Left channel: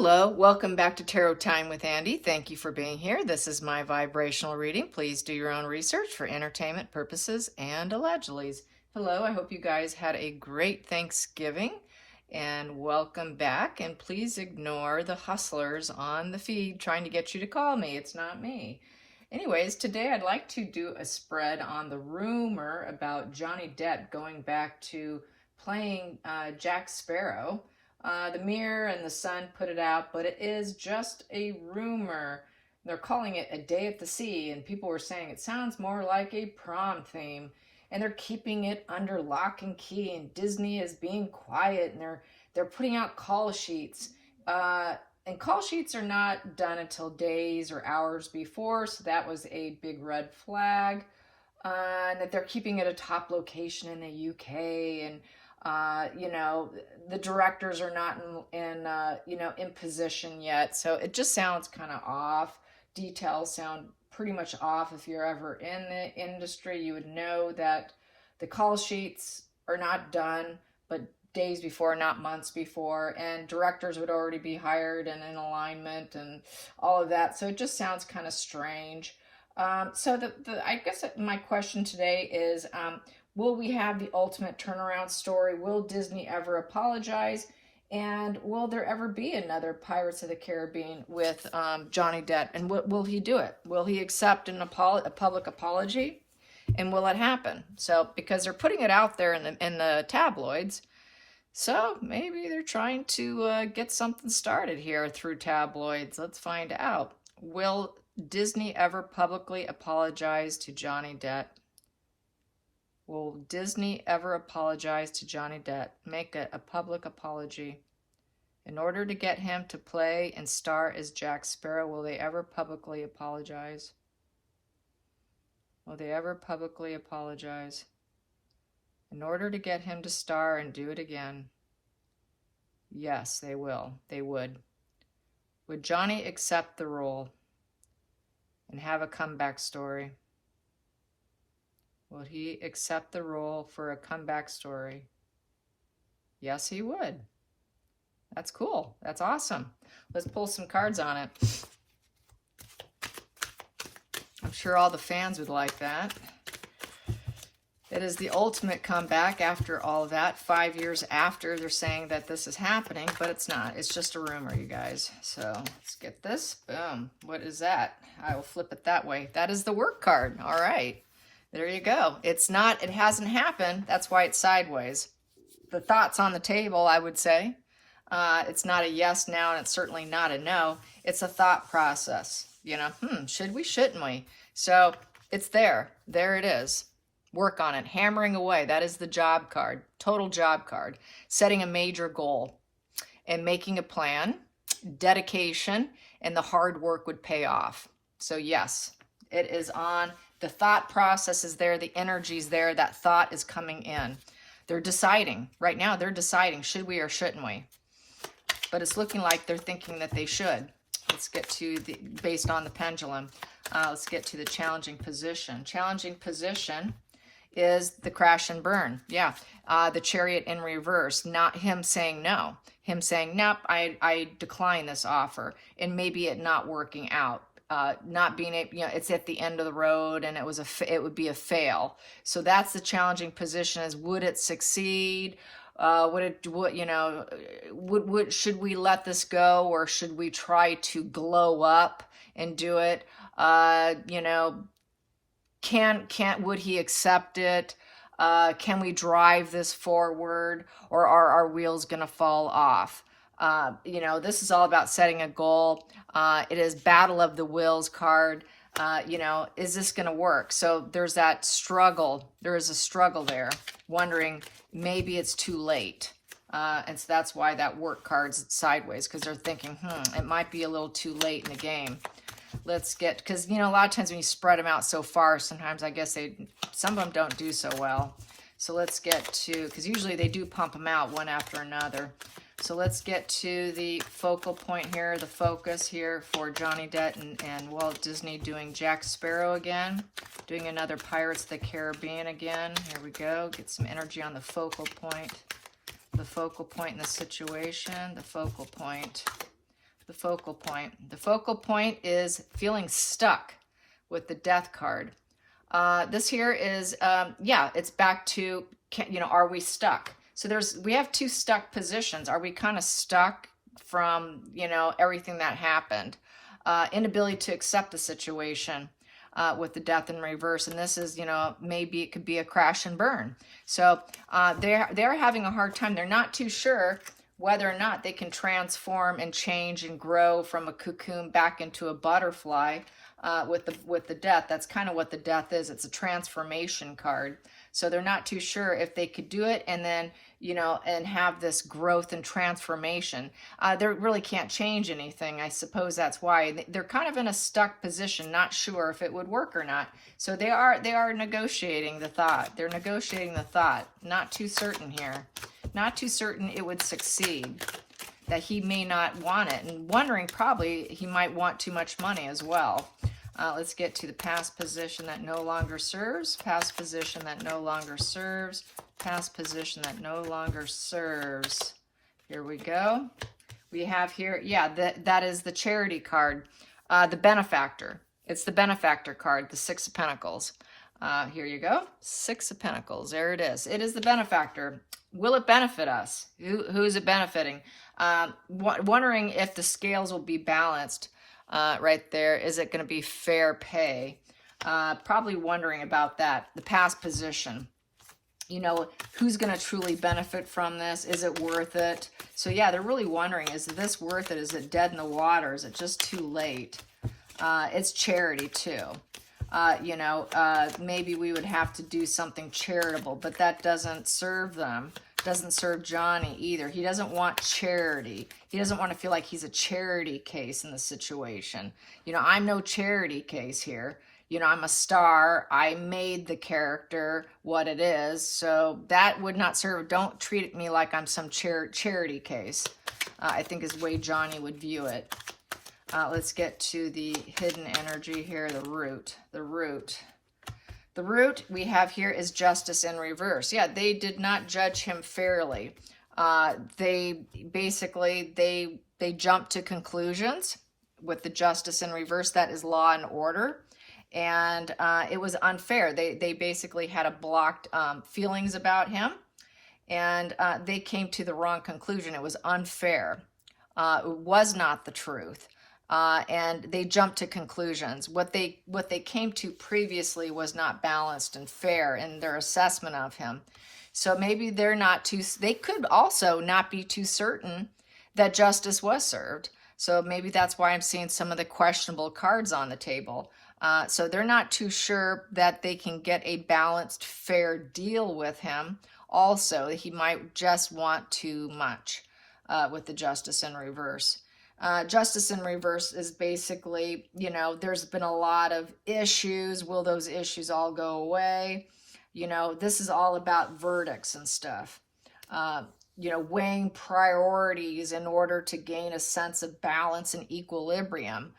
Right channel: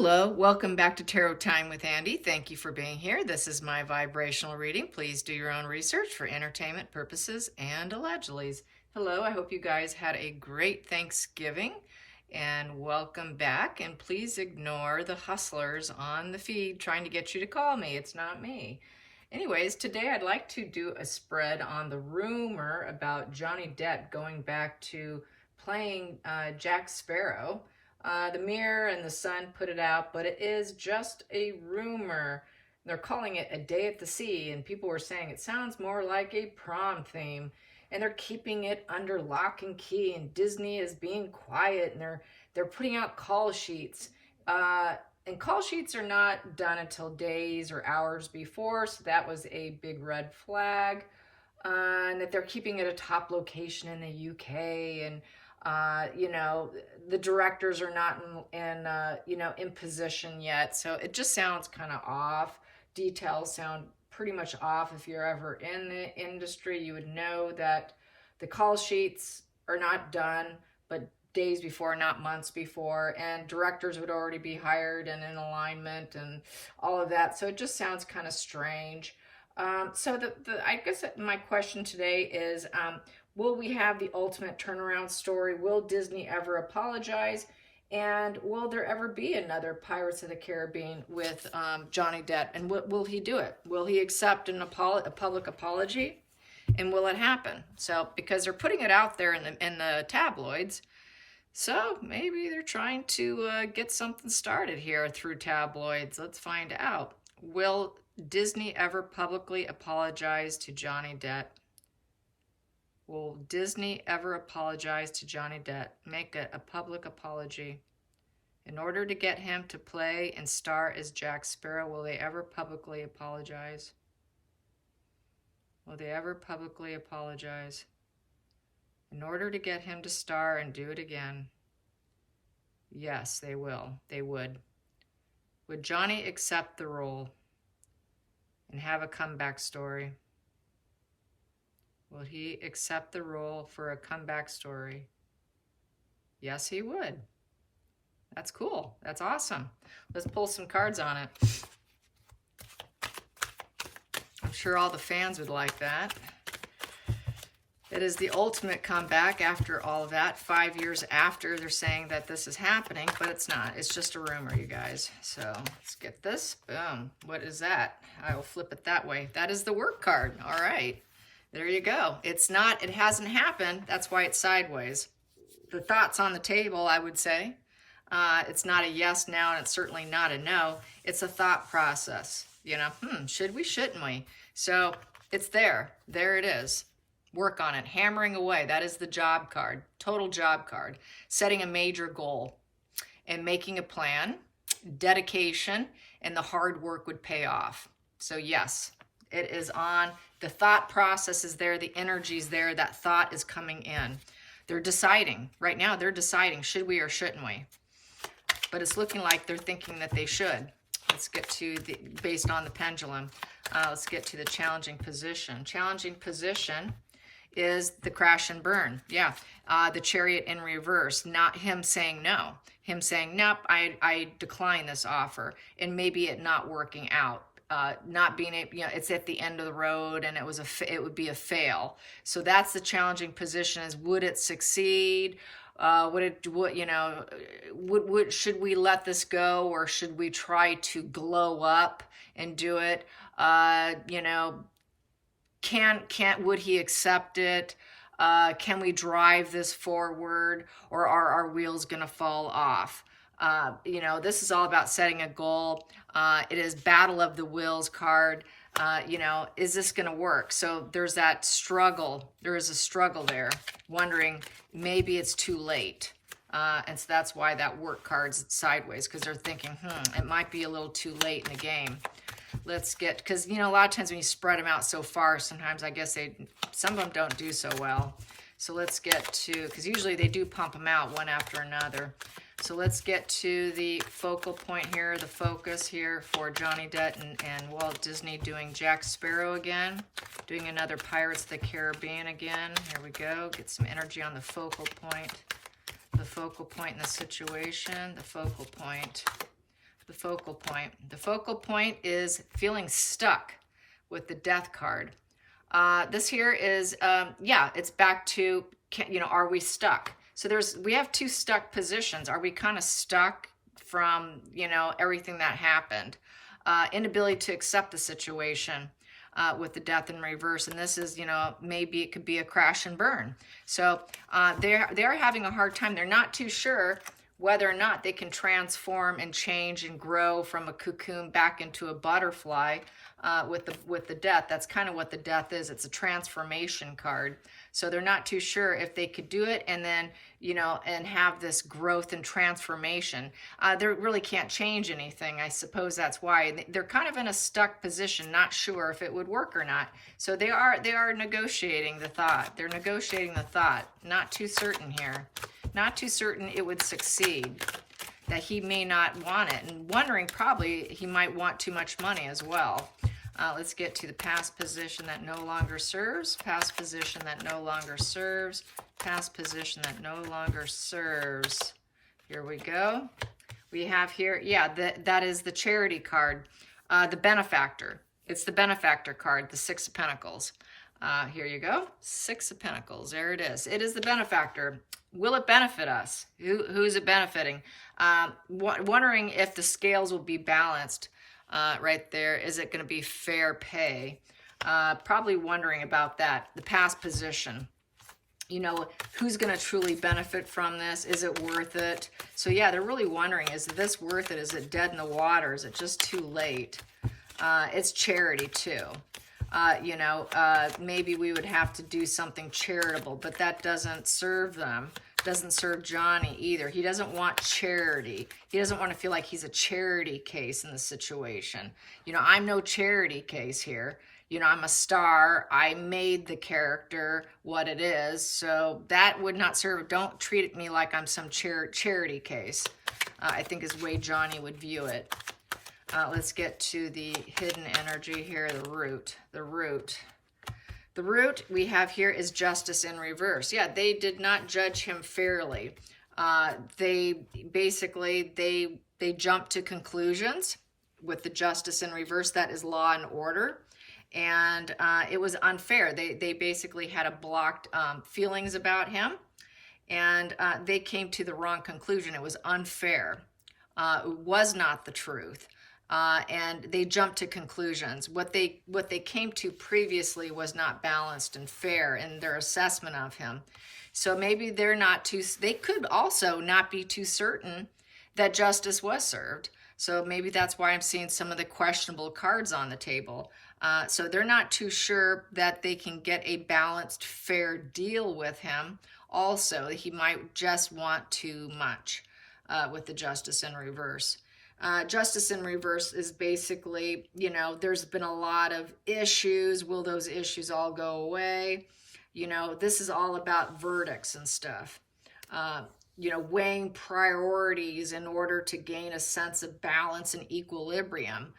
Hello, welcome back to Tarot Time with Andy. Thank you for being here. This is my vibrational reading. Please do your own research for entertainment purposes and allegedly. Hello, I hope you guys had a great Thanksgiving and welcome back. And please ignore the hustlers on the feed trying to get you to call me. It's not me. Anyways, today I'd like to do a spread on the rumor about Johnny Depp going back to playing Jack Sparrow. The Mirror and the Sun put it out, but it is just a rumor. They're calling it A Day at the Sea, and people were saying it sounds more like a prom theme, and they're keeping it under lock and key, and Disney is being quiet, and they're putting out call sheets. And call sheets are not done until days or hours before, so that was a big red flag. And that they're keeping it a top location in the UK, and you know, the directors are not in position yet, so it just sounds kind of off. Details sound pretty much off. If you're ever in the industry, you would know that the call sheets are not done, but days before, not months before, and directors would already be hired and in alignment and all of that. So it just sounds kind of strange. So I guess my question today is, will we have the ultimate turnaround story? Will Disney ever apologize? And will there ever be another Pirates of the Caribbean with Johnny Depp? And will he do it? Will he accept a public apology? And will it happen? So, because they're putting it out there in the tabloids, so maybe they're trying to get something started here through tabloids. Let's find out. Will Disney ever publicly apologize to Johnny Depp? Will Disney ever apologize to Johnny Depp? Make a public apology. In order to get him to play and star as Jack Sparrow, will they ever publicly apologize? Will they ever publicly apologize? In order to get him to star and do it again? Yes, they will. They would. Would Johnny accept the role and have a comeback story? Will he accept the role for a comeback story? Yes, he would. That's cool. That's awesome. Let's pull some cards on it. I'm sure all the fans would like that. It is the ultimate comeback after all of that. 5 years after they're saying that this is happening, but it's not. It's just a rumor, you guys. So let's get this. Boom. What is that? I will flip it that way. That is the work card. All right. There you go. It's not, it hasn't happened. That's why it's sideways. The thought's on the table, I would say. It's not a yes now, and it's certainly not a no. It's a thought process. You know, should we, shouldn't we? So it's there. There it is. Work on it. Hammering away. That is the job card. Total job card. Setting a major goal and making a plan, dedication, and the hard work would pay off. So yes, it is on. The thought process is there. The energy is there. That thought is coming in. They're deciding. Right now, they're deciding, should we or shouldn't we? But it's looking like they're thinking that they should. Let's get to the, based on the pendulum, let's get to the challenging position. Challenging position is the crash and burn. Yeah, the Chariot in reverse. Not him saying no. Him saying, nope, I decline this offer. And maybe it not working out. Not being able, you know, it's at the end of the road, and it would be a fail. So that's the challenging position: is would it succeed? Should we let this go, or should we try to glow up and do it? Would he accept it? Can we drive this forward, or are our wheels gonna fall off? This is all about setting a goal. It is Battle of the Wills card. Is this going to work? So there's that struggle. There is a struggle there, wondering maybe it's too late. And so that's why that work card's sideways, because they're thinking, it might be a little too late in the game. Let's get, because, a lot of times when you spread them out so far, sometimes I guess some of them don't do so well. So let's get to, because usually they do pump them out one after another. So let's get to the focal point here, the focus here for Johnny Depp and Walt Disney doing Jack Sparrow again, doing another Pirates of the Caribbean again. Here we go. Get some energy on the focal point in the situation, the focal point. The focal point. The focal point is feeling stuck with the Death card. This here is, yeah, it's back to, you know, are we stuck? So we have two stuck positions. Are we kind of stuck from, you know, everything that happened? Inability to accept the situation with the Death in reverse. And this is, you know, maybe it could be a crash and burn. So they're having a hard time. They're not too sure whether or not they can transform and change and grow from a cocoon back into a butterfly with the Death. That's kind of what the Death is. It's a transformation card. So they're not too sure if they could do it and then, you know, and have this growth and transformation. They really can't change anything. I suppose that's why. They're kind of in a stuck position, not sure if it would work or not. So they are negotiating the thought. They're negotiating the thought. Not too certain here. Not too certain it would succeed. That he may not want it. And wondering probably he might want too much money as well. Let's get to the past position that no longer serves. Past position that no longer serves. Past position that no longer serves. Here we go. We have here, yeah, that is the Charity card. The Benefactor. It's the Benefactor card, the Six of Pentacles. Here you go. Six of Pentacles. There it is. It is the Benefactor. Will it benefit us? Who's it benefiting? Wondering if the scales will be balanced. Right there. Is it going to be fair pay? Probably wondering about that. The past position. You know, who's going to truly benefit from this? Is it worth it? So yeah, they're really wondering, is this worth it? Is it dead in the water? Is it just too late? It's charity too. You know, maybe we would have to do something charitable, but that doesn't serve them. Doesn't serve Johnny either. He doesn't want charity. He doesn't want to feel like he's a charity case in the situation. You know, I'm no charity case here. You know, I'm a star. I made the character what it is. So that would not serve. Don't treat me like I'm some charity case. I think is the way Johnny would view it. Let's get to the hidden energy here, the root. The root. The root we have here is Justice in reverse. Yeah, they did not judge him fairly. They basically, they jumped to conclusions with the Justice in reverse. That is law and order. And it was unfair. They basically had a blocked feelings about him. And they came to the wrong conclusion. It was unfair. It was not the truth. And they jumped to conclusions. What they came to previously was not balanced and fair in their assessment of him. So maybe they could also not be too certain that justice was served. So maybe that's why I'm seeing some of the questionable cards on the table. So they're not too sure that they can get a balanced, fair deal with him. Also, he might just want too much with the Justice in reverse. Justice in reverse is basically, you know, there's been a lot of issues. Will those issues all go away? You know, this is all about verdicts and stuff. You know, weighing priorities in order to gain a sense of balance and equilibrium.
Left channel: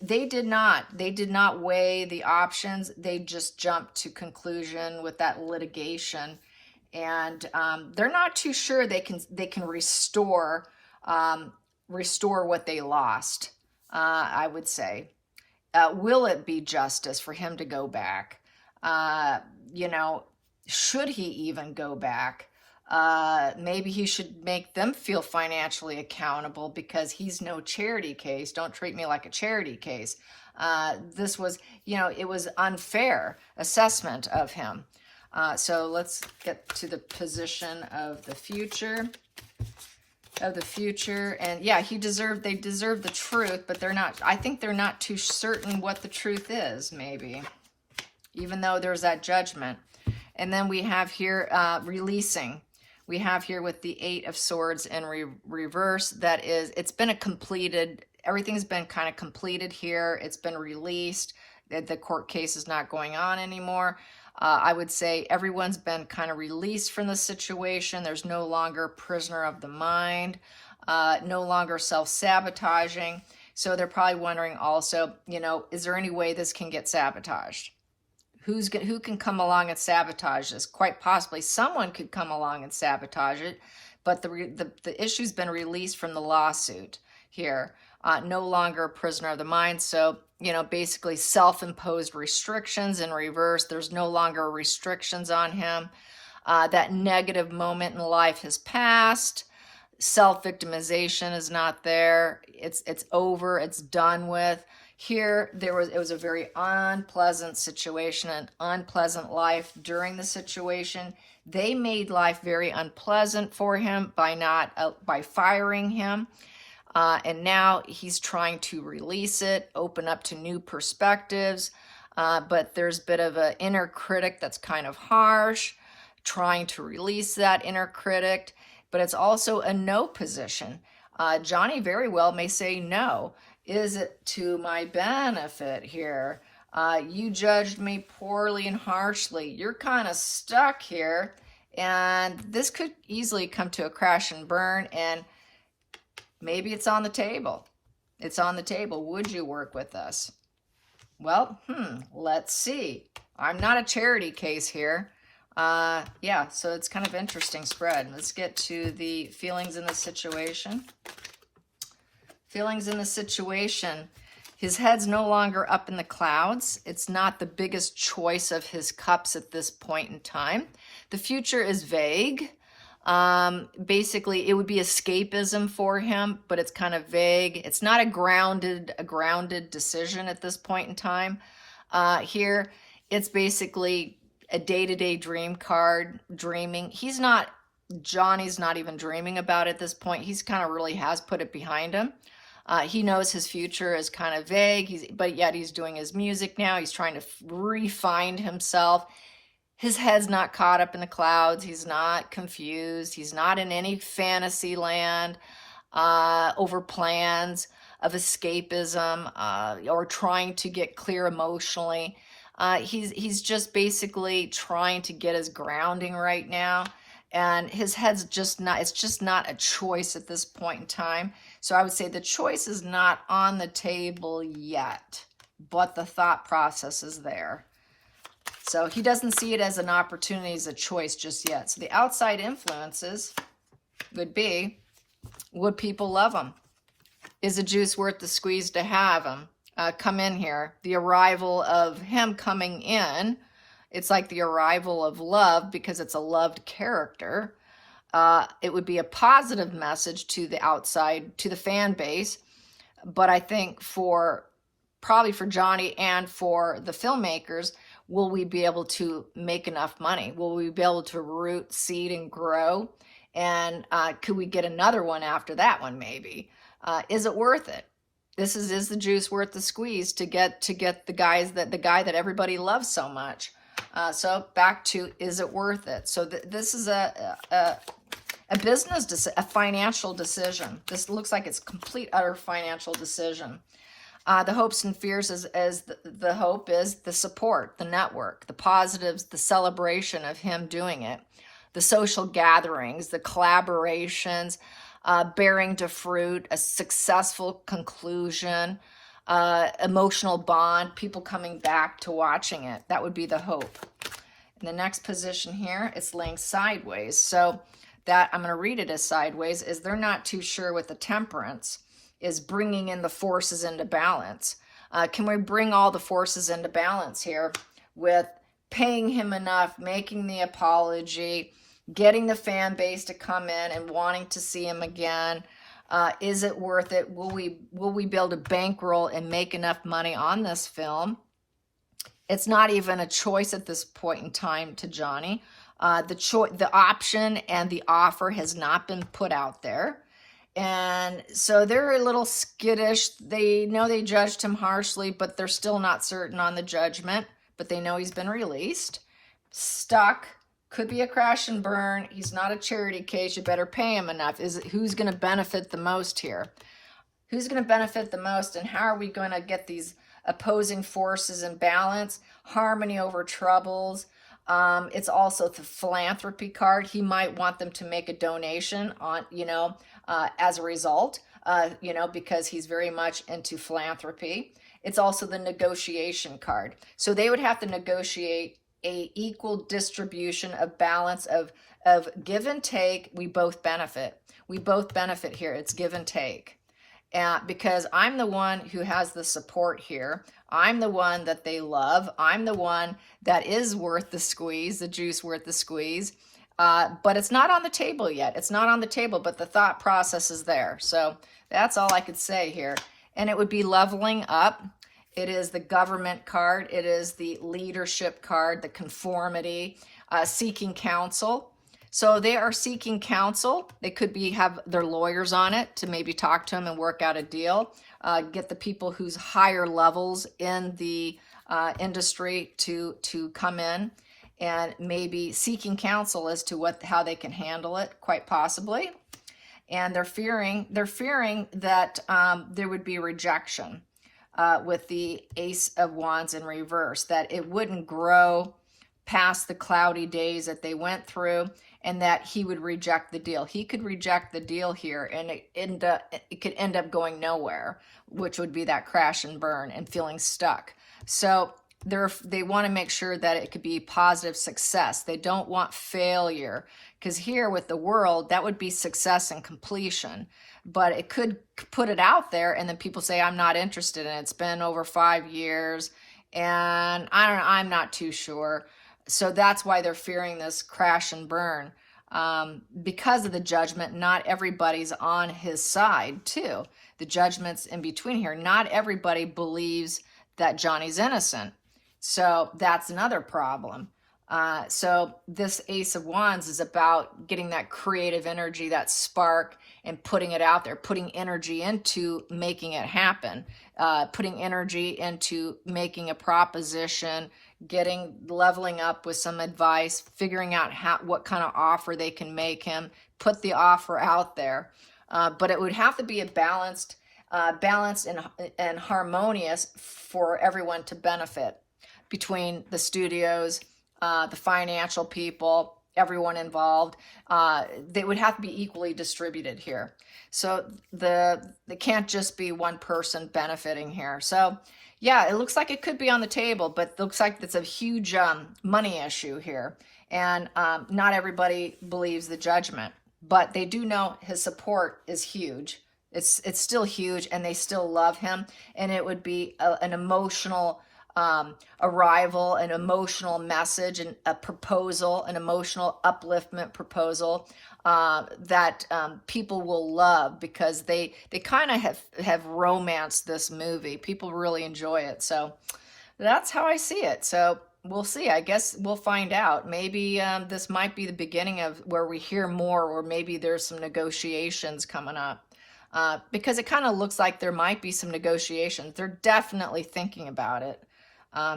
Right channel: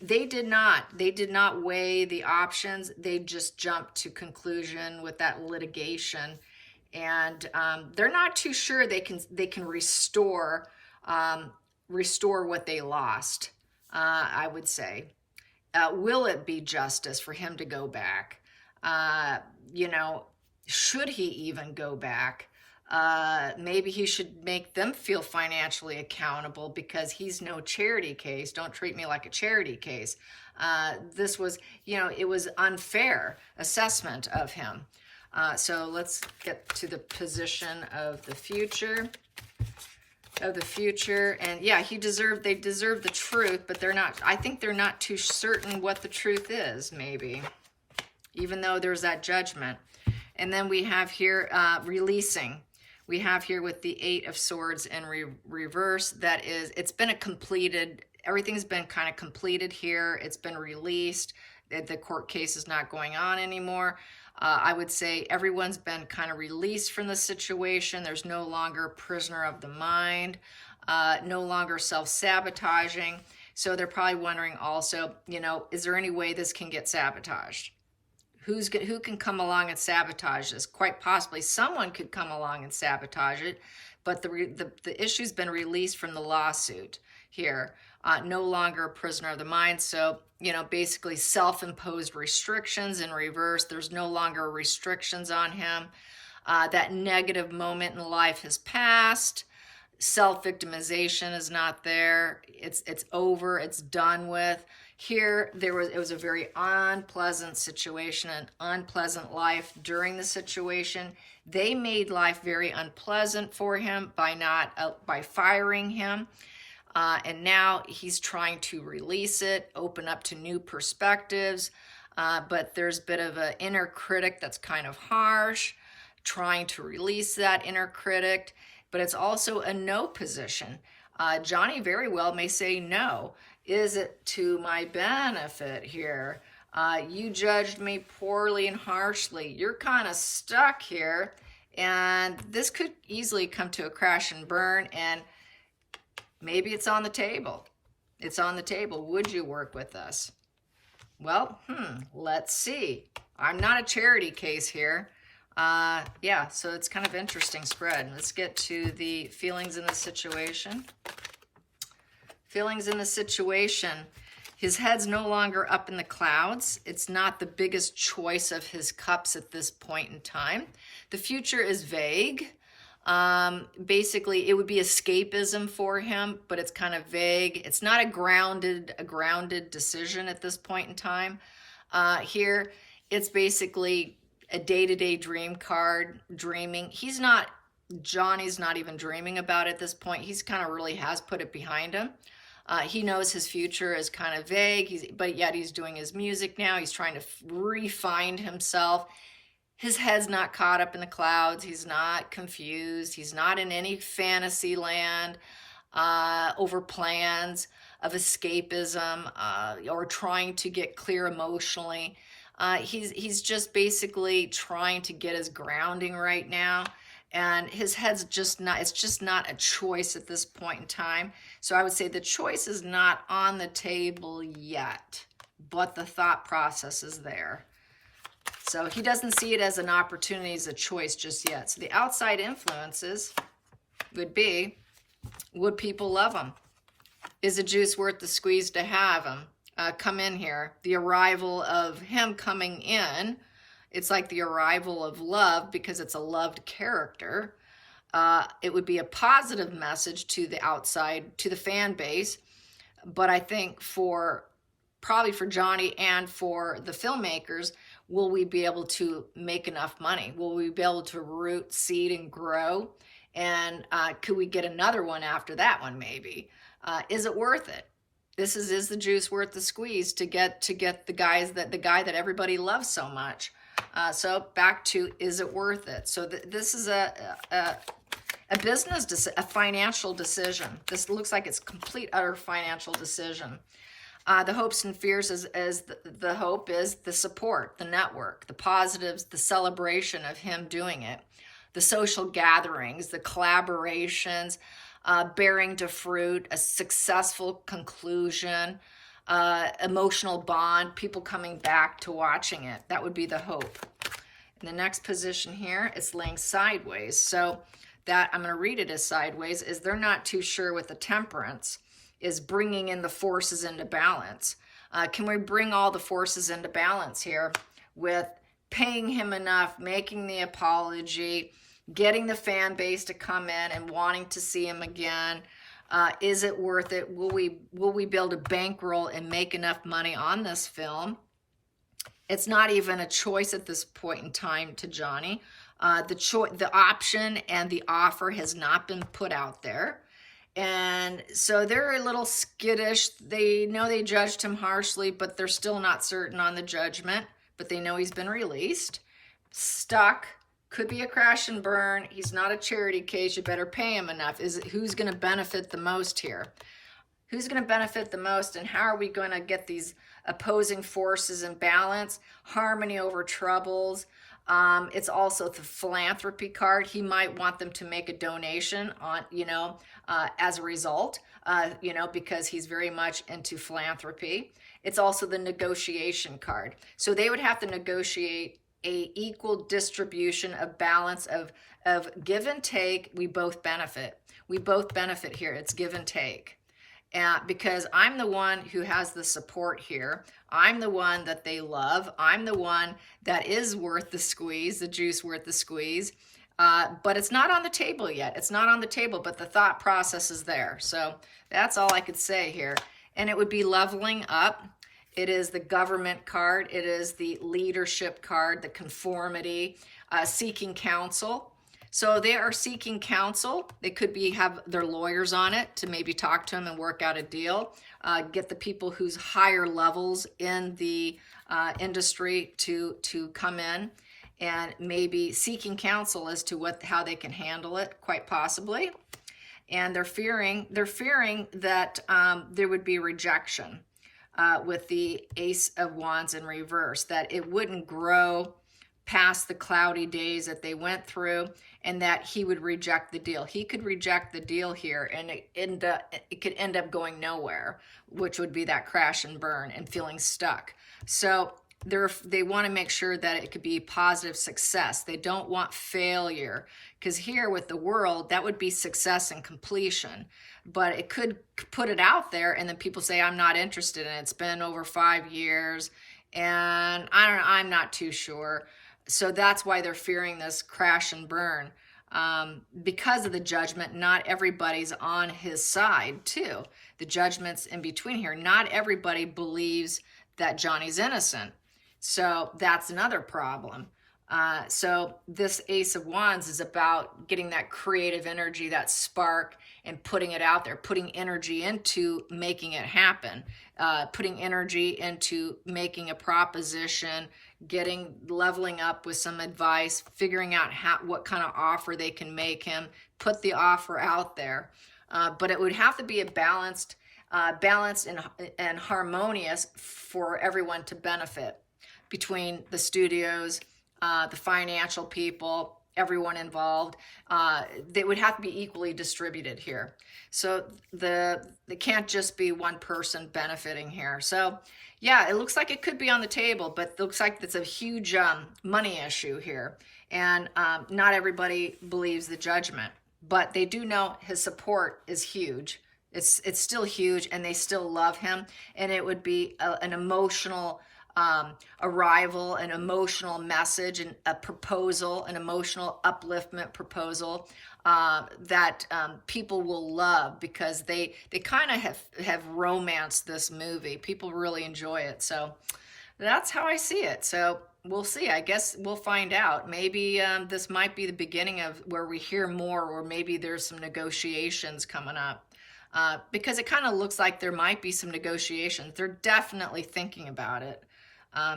They did not weigh the options. They just jumped to conclusion with that litigation. And they're not too sure they can restore what they lost, I would say. Will it be justice for him to go back? You know, should he even go back? Maybe he should make them feel financially accountable because he's no charity case. Don't treat me like a charity case. This was, you know, it was unfair assessment of him. So let's get to the position of the future. And yeah, they deserve the truth, but I think they're not too certain what the truth is, maybe, even though there's that judgment. And then we have here releasing. We have here with the Eight of Swords in reverse. That is, it's been everything's been kind of completed here. It's been released. The court case is not going on anymore. I would say everyone's been kind of released from the situation. There's no longer prisoner of the mind, no longer self-sabotaging. So they're probably wondering also, you know, is there any way this can get sabotaged? Who can come along and sabotage this? Quite possibly someone could come along and sabotage it, but the issue's been released from the lawsuit. here. No longer a prisoner of the mind. So, basically self-imposed restrictions in reverse. There's no longer restrictions on him. That negative moment in life has passed. Self-victimization is not there. It's over. It's done with. Here, it was a very unpleasant situation, an unpleasant life during the situation. They made life very unpleasant for him by firing him. And now he's trying to release it, open up to new perspectives. But there's a bit of an inner critic that's kind of harsh, trying to release that inner critic. But it's also a no position. Johnny very well may say no. Is it to my benefit here? You judged me poorly and harshly. You're kind of stuck here. And this could easily come to a crash and burn. And maybe it's on the table. It's on the table. Would you work with us? Well, let's see. I'm not a charity case here. Yeah, so it's kind of interesting spread. Let's get to the feelings in the situation. Feelings in the situation. His head's no longer up in the clouds. It's not the biggest choice of his cups at this point in time. The future is vague. Basically, it would be escapism for him, but it's kind of vague. It's not a grounded decision at this point in time. Here, it's basically a day-to-day dream card, dreaming. Johnny's not even dreaming about it at this point. He's kind of really has put it behind him. He knows his future is kind of vague, but yet he's doing his music now. He's trying to refine himself. His head's not caught up in the clouds. He's not confused. He's not in any fantasy land over plans of escapism or trying to get clear emotionally. He's just basically trying to get his grounding right now. And his head's it's just not a choice at this point in time. So I would say the choice is not on the table yet, but the thought process is there. So he doesn't see it as an opportunity, as a choice just yet. So the outside influences would be, would people love him? Is the juice worth the squeeze to have him come in here? The arrival of him coming in, it's like the arrival of love because it's a loved character. It would be a positive message to the outside, to the fan base. But I think probably for Johnny and for the filmmakers, will we be able to make enough money? Will we be able to root, seed, and grow? And could we get another one after that one maybe? Is it worth it? Is the juice worth the squeeze to get the guy that everybody loves so much? So back to, is it worth it? So this is a a financial decision. This looks like it's complete, utter financial decision. The hopes and fears the hope is the support, the network, the positives, the celebration of him doing it, the social gatherings, the collaborations, bearing to fruit, a successful conclusion, emotional bond, people coming back to watching it. That would be the hope. In the next position here, it's laying sideways. So that, I'm going to read it as sideways, is they're not too sure with the temperance, is bringing in the forces into balance. Can we bring all the forces into balance here with paying him enough, making the apology, getting the fan base to come in and wanting to see him again? Is it worth it? Will we be able to bankroll and make enough money on this film? It's not even a choice at this point in time to Johnny. The option and the offer has not been put out there. And so they're a little skittish. They know they judged him harshly, but they're still not certain on the judgment. But they know he's been released. Stuck. Could be a crash and burn. He's not a charity case. You better pay him enough. Who's going to benefit the most here? Who's going to benefit the most, and how are we going to get these opposing forces in balance? Harmony over troubles. It's also the philanthropy card. He might want them to make a donation on, as a result, because he's very much into philanthropy. It's also the negotiation card. So they would have to negotiate a equal distribution of balance of give and take. We both benefit. We both benefit here. It's give and take. because I'm the one who has the support here. I'm the one that they love. I'm the one that is worth the squeeze, the juice worth the squeeze. But it's not on the table yet. It's not on the table, but the thought process is there. So that's all I could say here. And it would be leveling up. It is the government card. It is the leadership card, the conformity, seeking counsel. So they are seeking counsel. They could have their lawyers on it to maybe talk to them and work out a deal. Get the people who's higher levels in the industry to come in and maybe seeking counsel as to how they can handle it, quite possibly. And they're fearing that there would be rejection with the Ace of Wands in reverse, that it wouldn't grow past the cloudy days that they went through, and that he would reject the deal. He could reject the deal here, and it could end up going nowhere, which would be that crash and burn and feeling stuck. So they want to make sure that it could be positive success. They don't want failure, because here with the World, that would be success and completion. But it could put it out there, and then people say, I'm not interested in it. It's been over 5 years, and I'm not too sure. So that's why they're fearing this crash and burn. Because of the judgment, not everybody's on his side, too. The judgment's in between here. Not everybody believes that Johnny's innocent. So that's another problem. So this Ace of Wands is about getting that creative energy, that spark, and putting it out there, putting energy into making it happen, putting energy into making a proposition, leveling up with some advice, figuring out what kind of offer they can make him, put the offer out there. But it would have to be a balanced and harmonious for everyone to benefit, between the studios, the financial people, everyone involved. They would have to be equally distributed here. So they can't just be one person benefiting here. So yeah, it looks like it could be on the table, but it looks like it's a huge money issue here. And not everybody believes the judgment, but they do know his support is huge. It's still huge, and they still love him. And it would be an emotional arrival, an emotional message, and a proposal, an emotional upliftment proposal that people will love, because they kind of have romanced this movie. People really enjoy it. So that's how I see it. So we'll see. I guess we'll find out. Maybe this might be the beginning of where we hear more, or maybe there's some negotiations coming up. Because it kind of looks like there might be some negotiations. They're definitely thinking about it.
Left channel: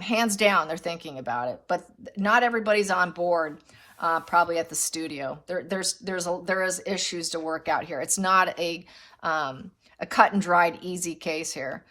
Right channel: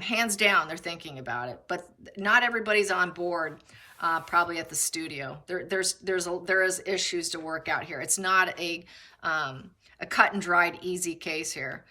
Hands down, they're thinking about it. But not everybody's on board, probably at the studio. There is issues to work out here. It's not a cut and dried easy case here,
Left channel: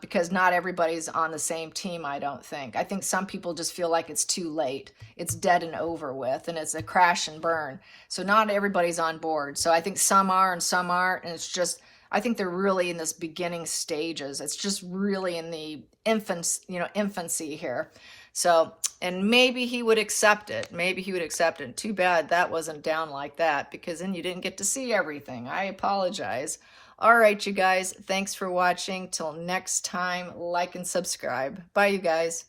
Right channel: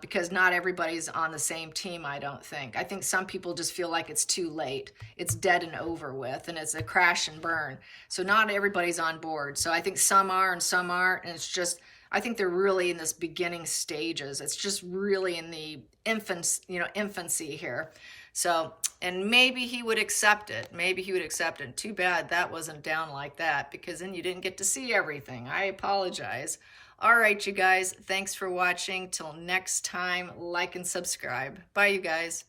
because not everybody's on the same team, I don't think. I think some people just feel like it's too late. It's dead and over with, and it's a crash and burn. So not everybody's on board. So I think some are and some aren't, and it's just, I think they're really in this beginning stages. It's just really in the infancy here. So, and maybe he would accept it. Maybe he would accept it. Too bad that wasn't down like that, because then you didn't get to see everything. I apologize. All right, you guys. Thanks for watching. Till next time, like and subscribe. Bye, you guys.